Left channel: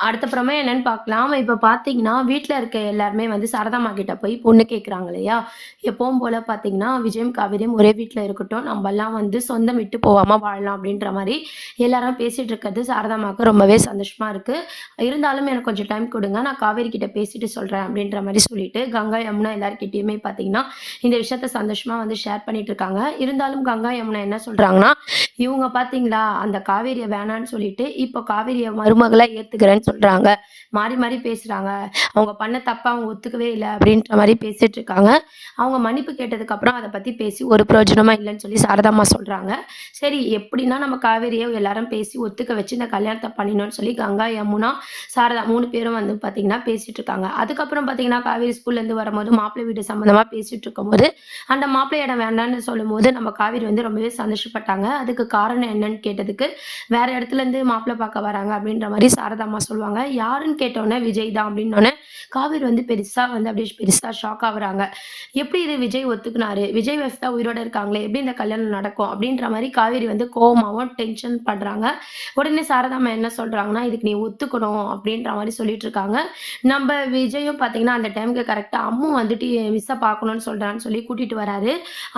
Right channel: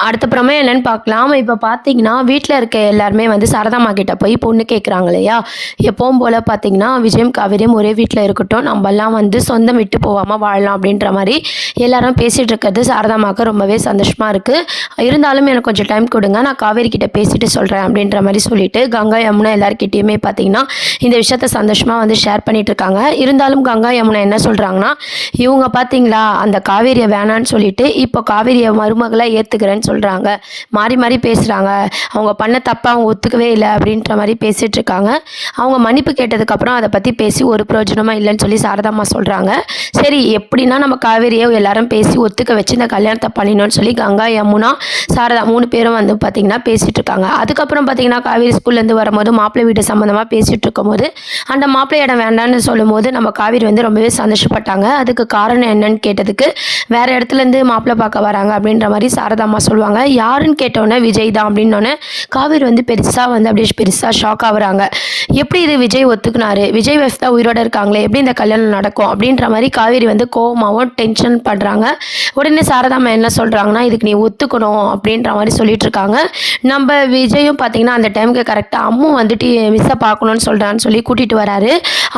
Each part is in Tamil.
அடுத்த பிரமே என்னன்னு பார்க்கலாம். இப்ப பார்த்தீங்கன்னா, வீட்ல இருக்க எல்லாருமே வந்து சாரதாம்மா கிட்ட போய் பொண்ணு கேட்குறாங்க இல்லையா? எப்பவும் போல பார்த்தீங்கன்னா, விஜயும், காவேரியும் ஒரே வீட்ல இருக்கட்டும். நம்பலாம் வந்து சொந்தம் விட்டு போவாம வாழலாம் அப்படின்ற மாரி எல்லாரும் பேசிட்டு இருக்கிறது சாரதாம்மாவுக்கு ரொம்பவே சந்தோஷமா இருக்கு. இருந்தாலும் எனக்கு கொஞ்சம் டைம் குடுங்க. நான் காவேரி கிட்ட பேசிட்டு சொல்றேன் அப்படின்ற மாரி சொல்லிட்டு, கங்கா, யமுனா எல்லார்கிட்டயுமே பார்த்தீங்கன்னா, இந்த விஷயத்த சந்தோஷமா வந்து ஷேர் பண்ணிட்டு இருக்காங்க. இருந்தாலும் கங்கா, யமுனா என்ன சொல்றாங்கன்னா, இவுங்க பார்த்தீங்களா, அந்த காவேரிய வேணான்னு சொல்லிட்டு, இப்போ காவேரிய மருமகளா ஏத்துக்கிறேன்னு சொல்றாங்க. மாறி மாறி பேசுறாங்க. அவங்க பண்ண தப்ப அவங்க ஒத்துக்கவே இல்ல அப்படின்ற மாரி பேசிட்டுருக்காங்க. அவங்க மன்னிப்பு கேட்டதுக்கப்புறம் அத பத்தி பேசி ஒரு பிரயோஜனமும் இல்லன்னு சொல்லி சாரதாம்மா சொல்றாங்க. சரி எப்படின்னா நம்ம காவேரிய எல்லாரும் பேசி ஒத்துக்க வச்சு இந்த கல்யாணத்த பண்ணிடணும்னு சொல்லி கங்கா, யமுனா, சாரதா 3 பேரும் வந்து பார்த்தீங்கன்னா பேசிட்டுருக்காங்க. அதுக்கப்புறம் பார்த்தீங்கன்னா, காவேரி ஸ்கூல்லேருந்து வரும்போது மாப்பிள்ளை வீடு சம்மந்தமா பேசிட்டுருக்கும்போது, அந்த மாப்பிள்ளை இடம் வேண்டான்னு சொல்லும்போது நம்ம காவேரி வந்து ரொம்பவே சந்தோஷப்பட்டாங்க. அதுக்கு காரணம் என்னன்னு கேட்டதுக்கு, வேற இடத்துலேருந்து மாப்பிள்ளை பார்க்க வராங்க அப்படின்ற மாரி சாரதாம்மா சொல்லுவாங்க. யாருன்னு கேட்டோனே விஜய் தான் அப்படின்னோனே, காவேரி வந்து பெருசா வந்து அப்படியே பெருசா ஷாக் ஆவுறாங்க. எப்படி இது விஜய் ஒத்துக்குனாரு? விஜய் வைஃப் தான் உயிரோட இருக்காங்களே! எப்படி இந்த கல்யாணம் நடக்கும்? அப்படின்ற மாரி காவேரி வந்து கோவமாவும், டென்ஷன் பண்றாங்க. உடனே சாரதாம்மா என்ன சொல்றாங்கன்னா, "இதுக்கு நீ ஒத்துக்கணும்." அப்படின்ற மாரி சொல்லிட்டுருக்காங்க. நம்ப விஜயும் பார்த்தீங்கன்னா, அந்த டைமுக்கு கரெக்ட்டா அம்மு வந்துட்டு மிஸ்ஸ பார்க்கணும்னு சொல்றான்னு சொல்லி கூட்டிட்டு வராரு.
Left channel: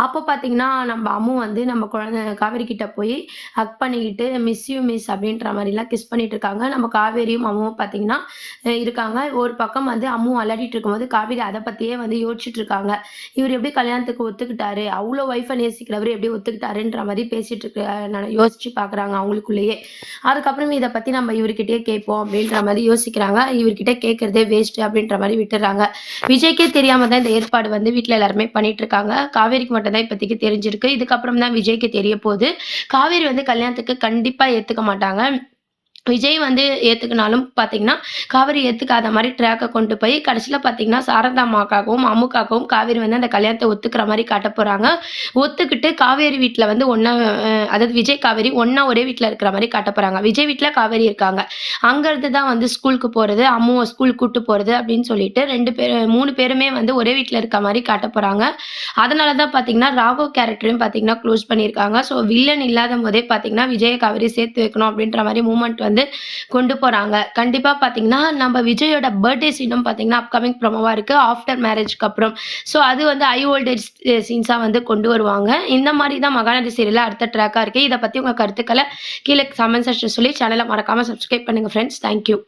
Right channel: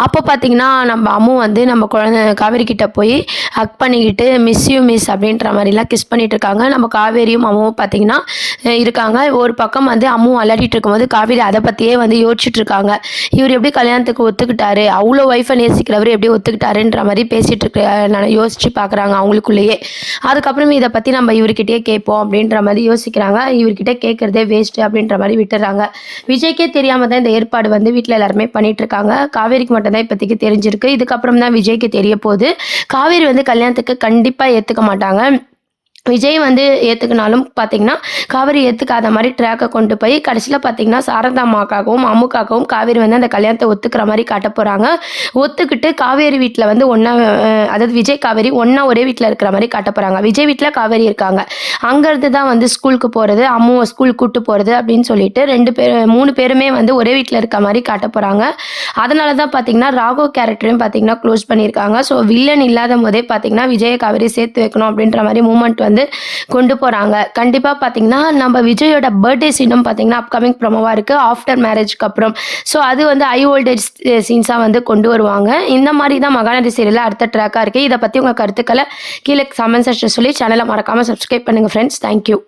அப்போ பார்த்தீங்கன்னா, நம்ம அம்மு வந்து நம்ம குழந்தை காவேரி கிட்ட போய் ஹக் பண்ணிக்கிட்டு, "மிஸ் யூ மிஸ்" அப்படின்ற மாரிலாம் கிஸ் பண்ணிட்டு இருக்காங்க. நம்ம காவேரியும் அம்முவும் பார்த்தீங்கன்னா, இருக்காங்க. ஒரு பக்கம் வந்து அம்மு விளையாடிட்டு இருக்கும்போது, காவேரி அத பத்தியே வந்து யோசிச்சுட்டு இருக்காங்க. இவரு எப்படி கல்யாணத்துக்கு ஒத்துக்கிட்டாரு? அவ்ளோ ஒய்ஃப நேசிக்கிறவரு எப்படி ஒத்துக்கிட்டாருன்ற மாரி பேசிட்டு இருக்க யோசிச்சு பார்க்குறாங்க அவங்களுக்குள்ளேயே. அதுக்கப்புறம் இத பத்தி நம்ம இவருகிட்டயே கேட்போம் அப்படின்ற மாரி யோசிக்கிறாங்க. இவர்கிட்ட கேட்கறதே வேஸ்ட் அப்படின்ற மாரி விட்டுர்றாங்க. விஜய்க்கே தெரியாம தான் இந்த ஏற்பாடு வந்து வீட்ல எல்லாருமே பண்ணிட்டு இருக்காங்க. காவேரிக்கு மட்டும் தான் இப்போதைக்கு தெரிஞ்சிருக்கு. இதுக்கப்புறம் தான் விஜய்க்கு தெரிய போது. காவேரி வந்து கல்யாணத்துக்கு கண்டிப்பா ஏத்துக்க மாட்டாங்க. விஜய் வந்து ஏத்துக்கினாலும் பார்த்தீங்கன்னா, காவேரி ஏத்துக்காத மாரி ட்ராக்க கொண்டு போய் கடைசில பார்த்தீங்கன்னா, சாரதா அம்மாக்காகவும், அம்முக்காகவும் காவேரி வந்து அந்த கல்யாணத்த ஒத்துக்கிற மாரி காட்டப் போறாங்க. ஒத்துக்கிட்டு காவேரி வீட்ல வந்து ஒண்ணா அதாவது விஜய், காவேரி ஒண்ணா ஒரே வீட்ல இருக்கிற மாரி காட்டப் போறாங்க. விஜய் வீட்ல காவேரி இருக்காங்க. அங்கருந்து தான் வந்து ஸ்கூலுக்கு போறது, அம்முவ ஸ்கூல் கூட்டு போறது அப்படின்னு சொல்லிட்டு 2 பேர் 3 பேருமே வந்து ஒரே வீட்ல இருக்க மாரி காட்டப் போறாங்க. அதனால தான் பார்த்தீங்கன்னா, ராகவ் கேரக்டரையும் பார்த்தீங்கன்னா க்ளோஸ் பண்ணியிருக்காங்க. ஸோ வில்லன் இல்லாதம்போதே பார்த்தீங்கன்னா, விஜய, காவேரி சேர்த்து வைக்கணும் அப்படின்ற மாரி மூவ்மெண்ட் வந்து கொண்டு போறாங்க. கண்டிப்பா பார்த்தீங்கன்னா, நம்ம விஜயோட பர்த்டே சீனும் பார்த்தீங்கன்னா, அப்கமிங் ப்ரோமோவா இருக்கு. ஆஃப்டர் மேரேஜ்க்கு அப்புறம். ஸோ அது வந்து ஹை வோல்டேஜ் சீன்ஸா வந்து கொண்டு வருவாங்க. இந்த மாரி தான் மகாநதி சீரியல்ல அடுத்த ட்ராக்கா இருக்கு. இத பத்தி உங்க கருத்துக்கள கீழ கமெண்ட் செக்ஷன்ல சொல்லி சேனல மறக்காம சப்ஸ்கிரைப் பண்ணுங்க ஃபிரெண்ட்ஸ். Thank you.